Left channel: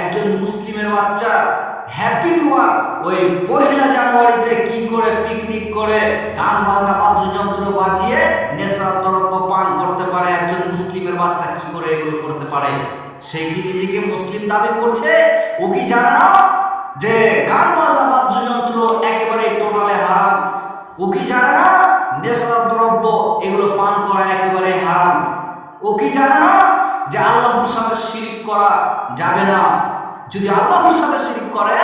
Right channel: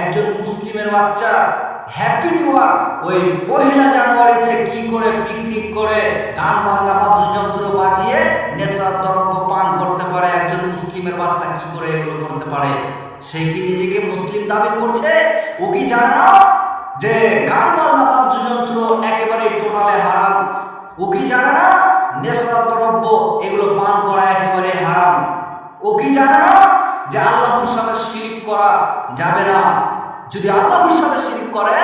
একজন মুসলিমের বাচ্চা হ্যাপি নিউ ইয়ার ওই 1 জানুয়ারিতে কি করে পিকনিক করে গান বাজনা বাদ্যযন্ত্র বাজিয়ে নেশার দ্রব্য পান করতে পারে? একজন মুসলিমের বাচ্চা কি করে এগুলো করতে পারে? সে কি নিজেকে মুসলিম দাবি করছে? ও কি জানে না যে গান বাজনা বাদ্যযন্ত্র একেবারে টোটালে হারাম? ও কি জানে না নেশার দ্রব্য এগুলো পান করা একেবারে হারাম? ও কি জানে না যে আল্লাহর সাথে শিরিক করা যাবে না? যদি আল্লাহর সাথে শিরিক করে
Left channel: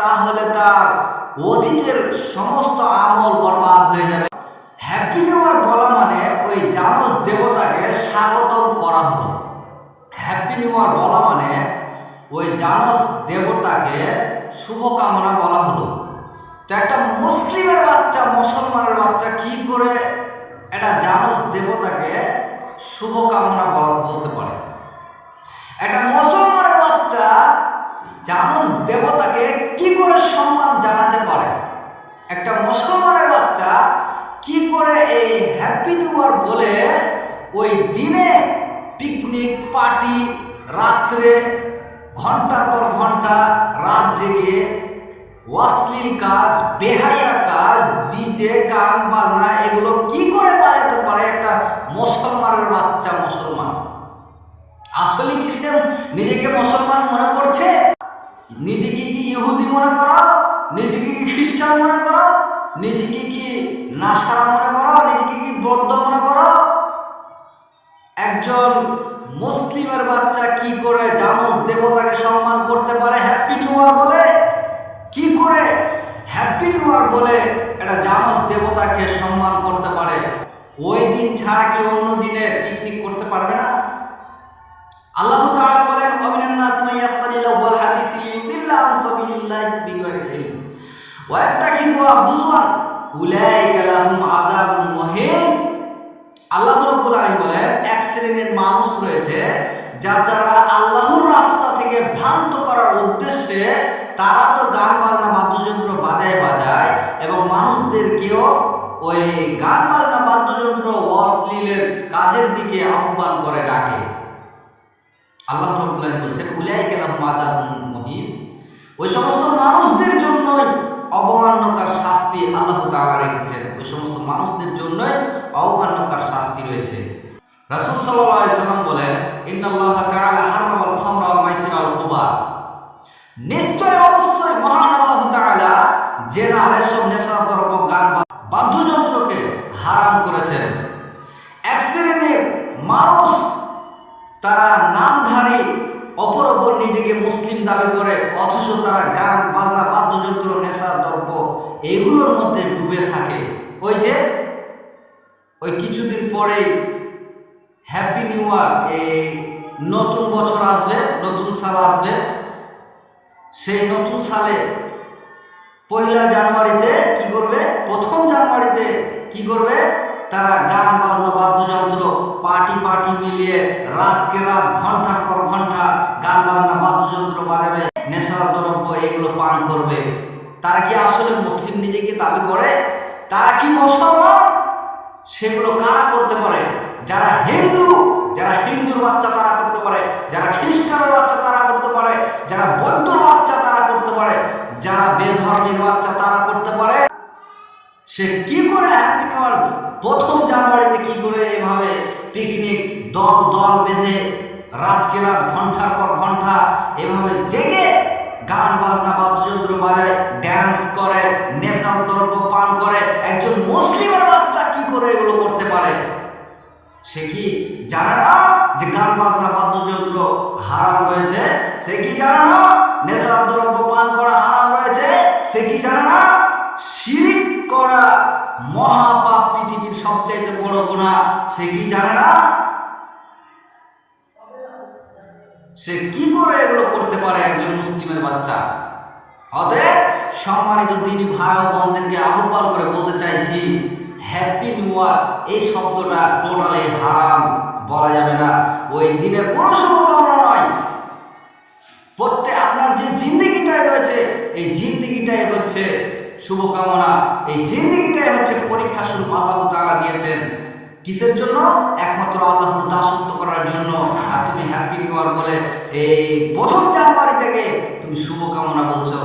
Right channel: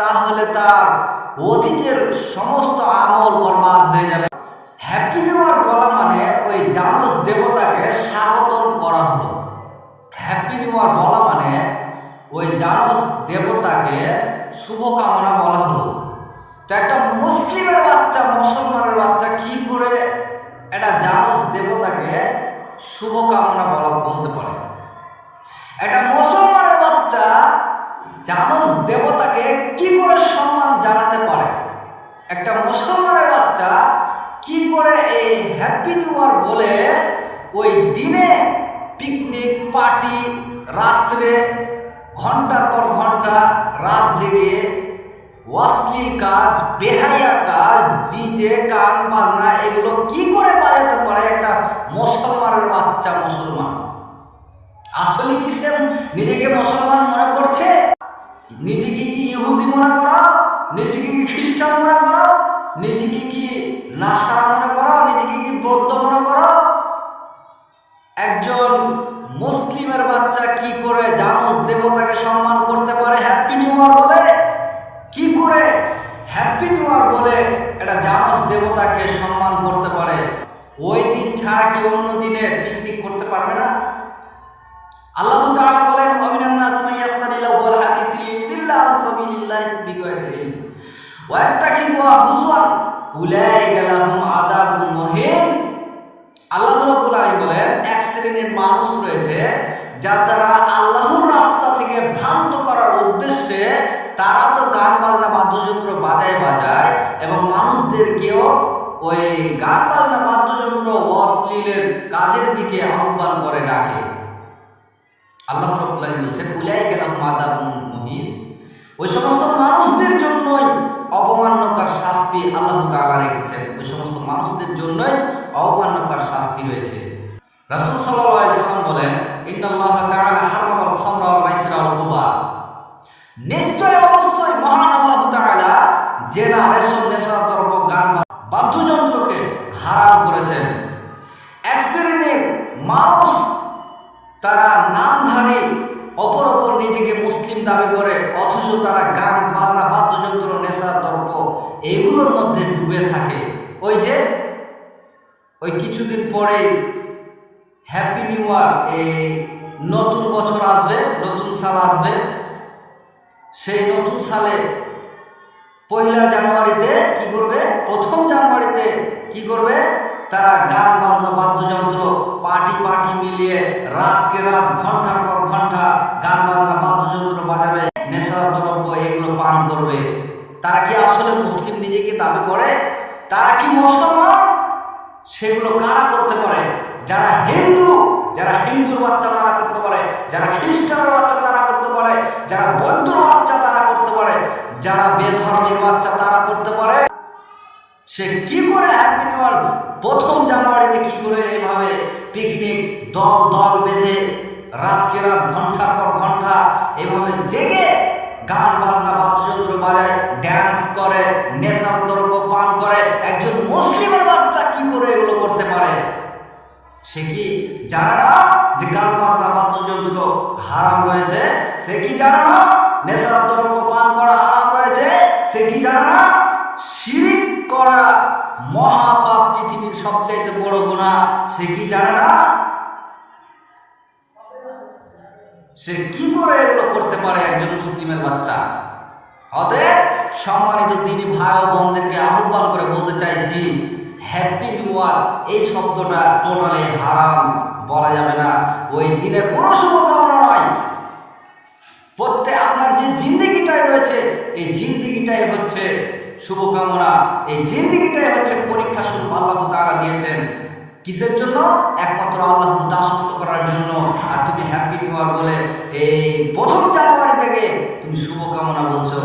তাহলে তার অতীতের সমস্ত আমল বরবাদ হয়ে যাবে। হ্যাপি নিউ ইয়ার বলা মানে ওই জানোস দেবতাকে স্বাগতম করা হলো। হ্যাপি নিউ ইয়ার বলা মানে ওই জানোস দেবতাকে শুভকামনা বলা হলো। তো একটা মুসলিমের বাচ্চা মুসলমানের বাচ্চা কি করে একটা জানোস দেবতাকে শুভকামনা বলতে পারে? একটা মুসলমানের বাচ্চা জানোস দেবতাকে কি করে সম্মান জানাতে পারে? একটা মুসলমানের বাচ্চা কি করে এই হ্যাপি নিউ ইয়ার বলে ওই দিনে পিকনিক পার্টি, রাত্রে ঘন্টার পর ঘন্টা রাত জেগে অশ্লীল কাজ, বেহায়া কাজ, ডিজে গান বাজনা এগুলো কি করে বাজাতে পারে একটা মুসলমানের বাচ্চা? মুসলমান আসলে কি সে নিজেকে মুসলমান মনে করছে? নিজেকে কি ইহুদি মনে করো? নিজেকে কি খ্রিস্টান মনে করো? নিজেকে কি নাসারা মনে করো? নিজেকে কি বৌদ্ধ মনে করো? একজন মুসলিমের বাচ্চা কি করে জানোস দেবতাকে সম্মান করতে পারে হ্যাপি নিউ ইয়ার বলে? কি করে হ্যাপি নিউ ইয়ার বলে এটা জানোস দেবতাকে সম্মান করতে পারে? ওই দিন ছাড়া কি অন্য দিনে পিকনিক করতে পারবে না? আল্লাহ তাআলা বলেন, ওয়ামিনান নাস মান ইয়াস্তানিলু ওয়াল হাদিসি লিয়ুদিল্লা আন সাবিলিল্লাহি বিগাইরি ইলম ওয়া ইয়াত্তাখিযুহা হুজওয়ান উলাইকা লাহুম আযাবুন মুহিন। আল্লাহ রাব্বুল আলামিন বলেন, এক শ্রেণীর মানুষ রয়েছে যারা আল্লাহর রাস্তা থেকে ভ্রান্ত করার উদ্দেশ্যে তারা তো গান বাজনা বাদ্যযন্ত্র বাজায় এবং মানুষদেরকেও ওই গান বাজনা বাদ্যযন্ত্র অশ্লীলের কাজের দিকে আহ্বান করে ডাকে। আল্লাহ রাব্বুল আলামিন বলছেন, উলাইকা লাহুম আযাবুন মুহিন। ওই সমস্ত মানুষদের জন্যই অবমাননাকার শাস্তি আল্লাহ তাআলা রেখেছেন। ওই সমস্ত মানুষদের জন্যই অবমাননাকার শাস্তি রয়েছে। রাসূল সাল্লাল্লাহু আলাইহি সাল্লাম বলেন, ইন্নাল্লাহা তাআলা হারামাল খামরা ওয়াল মাইসিরা ওয়াল কুবার। নিশ্চয় অবশ্যই মহান আল্লাহ তাআলা জেনা, রেশম, নেশার দ্রব্য, গান বাদ্যযন্ত্রকে হারাম করেছেন। এক শ্রেণীর মানুষ তারা নামধারী অপর নিজেকে মুসলিম দাবি করে, অথচ তারা গান বাজনা বাদ্যযন্ত্র, নেশার দ্রব্য এগুলোর মধ্যে ডুবে থাকে। ওই কিছুদিন পরেই হ্যাপি নিউ ইয়ার, এই নতুন বছর আসবে, নতুন সাল আসবে। সেই নতুন সালে 1 জানুয়ারিতে কি করবে? 1 জানুয়ারিতে কি করবে? তারা গান বাজনা বাদ্যযন্ত্র পার্টি মিলিয়ে রাতকে রাত ঘন্টার পর ঘন্টা গান বাজনা বাদ্যযন্ত্র বাজাবে, নেশার দ্রব্য এগুলো পান করবে। তারা কি আসলে মুসলিম নিজেকে দাবি করে? তারা কি মুসলমান? সেগুলো কারা করতে পারে? যারা হিন্দুর বাচ্চা তারা করতে পারে, যারা খ্রিস্টানের বাচ্চা তারা করতে পারে, যারা বৌদ্ধর বাচ্চা তারা করতে পারে, যারা বেধর্মের বাচ্চা তারা করতে পারে। সে কি করে হ্যাপি নিউ ইয়ার 1 জানুয়ারিতে কি করে এভাবে পিকনিক দল বেঁধে রাতকে রাত ঘন্টার পর ঘন্টা এভাবে জেগে গান বাজনা বাদ্যযন্ত্র বাজায়, ড্যান্স করে, নেশার দ্রব্য পান করে? একজন মুসলিমের বাচ্চা কি করে এগুলো করতে পারে? সে কি জানে না যে গান বাজনা বাদ্যযন্ত্র হারাম রয়েছে? সে কি জানে না নেশার দ্রব্য পান করা হারাম রয়েছে? সে কি জানে না শিরিক করা মহাপাপ, পৃথিবীর সবচাইতে বড় গুনাহ? সে কি জানে না? সে কি করে এগুলো করতে পারে একজন মুসলিমের বাচ্চা? অতএব সম্মানিত দিনী ভাই ও বোনদেরকে আহ্বান করে বলতে চাইছি, হ্যাপি নিউ ইয়ার এই শব্দটা টোটালি হারাম, বলা যাবে না। ওই দিনে কোনো শুভকামনা নয়। আপনার যে জিন্দেগিটাই রয়েছে, এই জিন্দেগিটাই হচ্ছে শুভকামনা, এই জিন্দেগিটাই হচ্ছে পরীক্ষা স্বরূপ আল্লাহ তাআলা দিয়েছেন। কিসের জন্য? একমাত্র আল্লাহর দাসত্ব করার জন্য। আর তুমি হ্যাপি নিউ ইয়ার বলে এই 1 জানুয়ারি থেকে তুমি শুভকামনা বলছো।